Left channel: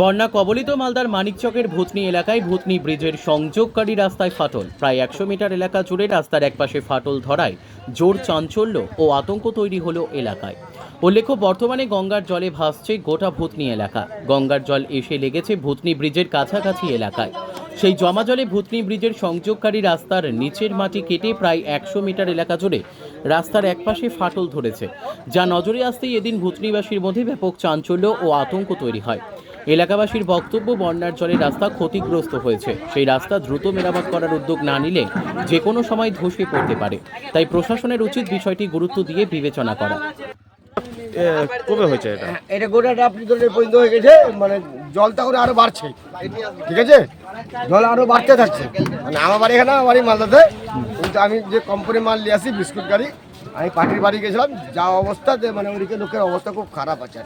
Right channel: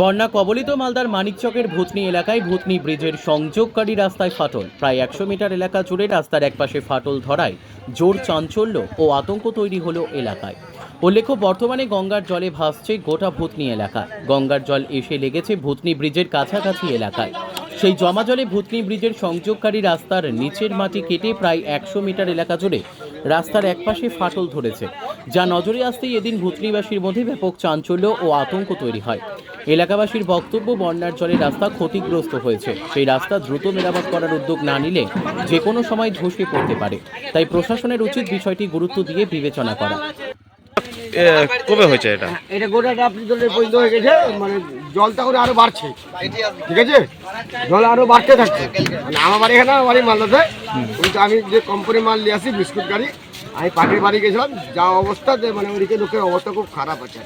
বন্যা কবলিত মালদার মানিকচকের ভূতনি এলাকায় ভূতনি ব্রিজের সংযোগকারী রাস্তায় ফাটল। প্রায় 100 মিটার এলাকা জুড়ে রাস্তার একপাশে ফাটল ধরায় জোর চাঞ্চল্য ও আতঙ্ক তৈরি হলো এলাকায়। উল্লেখ্য, বর্তমানে গঙ্গার জলে ভাসছে গোটা ভূতনি এলাকা। গঙ্গার জল এসে লেগেছে ভূতনি ব্রিজের কাছাকাছি এলাকায়। সেই জমা জলে ভূতনি ব্রিজের সংযোগকারী রাস্তার নিচের মাটি কেটে প্রায় 100 মিটার এলাকা জুড়ে রাস্তার একপাশে ফাটল ধরেছে, যা নজরে আসতেই এদিন ভূতনিবাসীর মধ্যে ব্যাপক চাঞ্চল্য ও আতঙ্ক তৈরি হয়। এলাকাবাসীর বক্তব্য, বন্যার জলে রাস্তা ক্ষতিগ্রস্ত হয়েছে। সেই রাস্তা দ্রুত মেরামত করার উদ্যোগ না নিলে যে কোনো সময় ধসে পড়তে পারে। তাই প্রশাসনের উচিত বিষয়টি গুরুত্ব দিয়ে বিবেচনা করা। কবে হয়েছে এটা? এটা গোটাটা আপনি জলের পর্যন্ত হয়ে গেছে, মানে জলটা করে আরো বাড়ছে, ঠিক আছে, জল আরো বাড়তে থাকছে। মানে আমার বাড়ি এখানে, আমার বাড়ি মালদাতে, কিন্তু আমি যে কোম্পানি মাল নিয়ে আসি বিস্কুট গাড়ি, আমি পাখির বাড়ি গেছিলাম, যা অবস্থা যে মানে ওইদিকে লোকের অবস্থা খুব খারাপ আছে।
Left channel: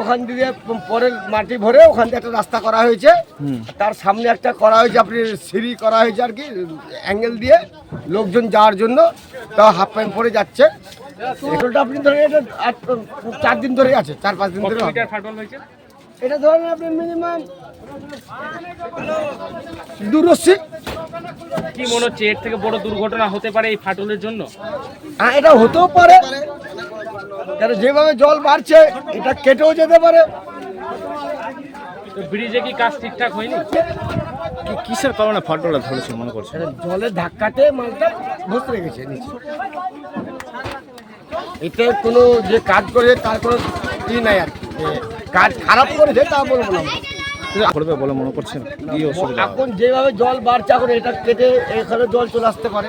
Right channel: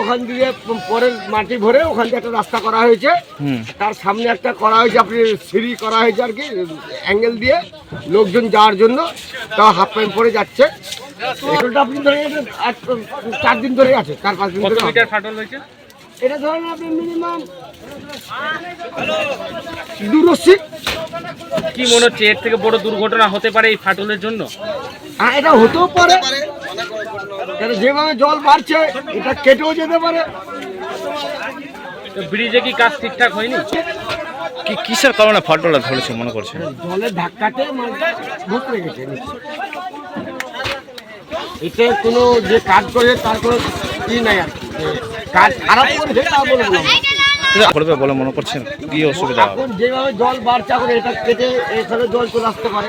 ওখান দিয়ে পরের মাটি ভরে ওখান দিয়ে একটা রাস্তা করা হয়েছে, তার সামনে একটা করা হয়েছে, আপনি সিঁড়ি করা হয়েছে আর কি, অ্যাঙ্গেল দিয়ে লোকজন যাওয়ার জন্য, তাও হাফ প্যান্ট পরে যাচ্ছে। এটা আপনি ধরে 4 দিন ধরে আছে, 4-5 দিন ধরে ফাটল হয়েছে। এটা ধরেন আপনি মিনিমাম 280। কি মনে হচ্ছে এর থেকে বড় দুর্ঘটনা হতে পারে এই ফাটলের জন্য? হ্যাঁ, এটা হতেও পারে, এটা যেভাবে জল বাড়ছে এটা কেটেও যেতে পারে। ব্রিজে কি কাজ ঠিকঠাক হয়নি? কি কিসের কারণে ফাটলটা ধরেছে মনে করছেন? জলের ধাক্কাতে মালটা ভেসে গেছে নিচে। এটা কোনো যে কাজ করে তার কোনো ই নাই আর কি, যে কাজ খারাপ করেছে তা বলবো না। করবে বলে মনে করছেন? কি অসুবিধা হবে? এখন যেভাবে জল বাড়ছে, এখন এটা কেটে এখানে জল চলে আসতে পারে,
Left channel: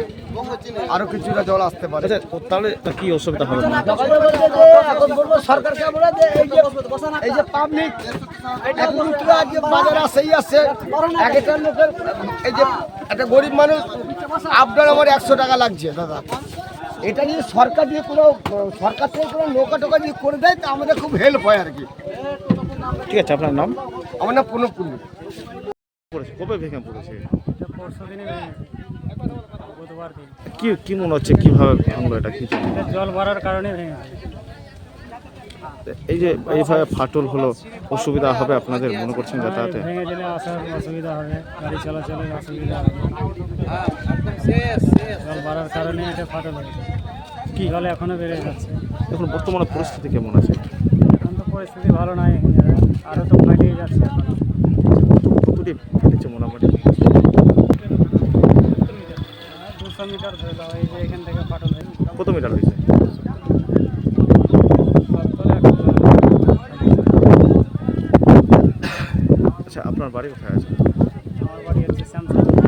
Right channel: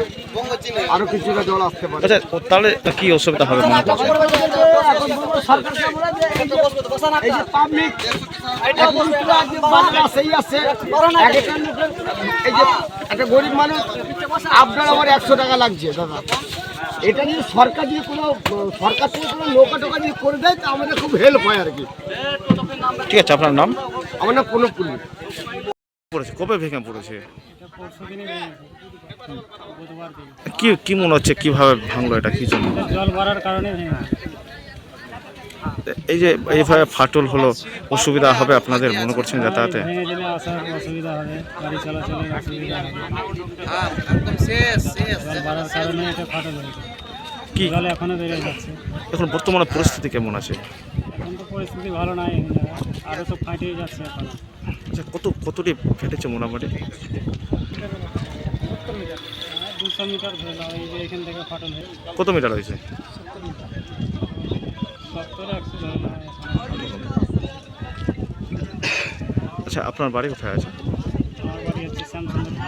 আরো কিছুটা জল আসতে পারে। আচ্ছা, তাহলে কি অসুবিধা হবে মনে করছেন? এখন বলবো সরকারকে বলে যে এই যে পাবলিক বাজার আসেই আসছে, এক একটা লোকের, এই যে একটা গরিব মানুষ আপনার আমার 100 টাকা লাগছে দাদা, এটা নিয়ে সরকার দিয়ে কোনো, সরকার থেকে কোনো নৌকা টোকা দিয়ে করে দেয়, তা আমাদের খুব হেল্প হয় আর কি। ঠিক আছে, আপনার নাম? আমার নাম প্রণব কুলি। পড়েছে কবে ভেঙে পড়েছে? কি কি মনে হচ্ছে কিভাবে ভাঙলো এটা, কি জন্য? জল বাড়ার কারণে ভেঙে। এই যে এইভাবে ফাটল হলো, অসুবিধা হবে আপনাদের মনে করছেন যাতায়াতে? ভেঙে গেলে আসার অসুবিধা হবে, গাড়ি চলাচলের অসুবিধা হবে। জল বাড়ার কারণে এটা ফাটল হয়েছে। কি জল এখনো বেড়ে যাচ্ছে। এখন বর্তমানে পরিস্থিতি কেমন আছে? এখন তো পরিস্থিতি ভালো নাই, আরও তো ফাটিয়ে যাচ্ছে এখনো। কতটি ফেটেছে মোটামুটি? 200 মিটার ধরে দাও, এই যে এখান থেকে ফাটল হয়ে কত মিটার হয়েছে? 70-100। আচ্ছা, আপনার বাড়ি কোথায় আছে? আমার বাড়ি হচ্ছে শ্যামসুন্দর।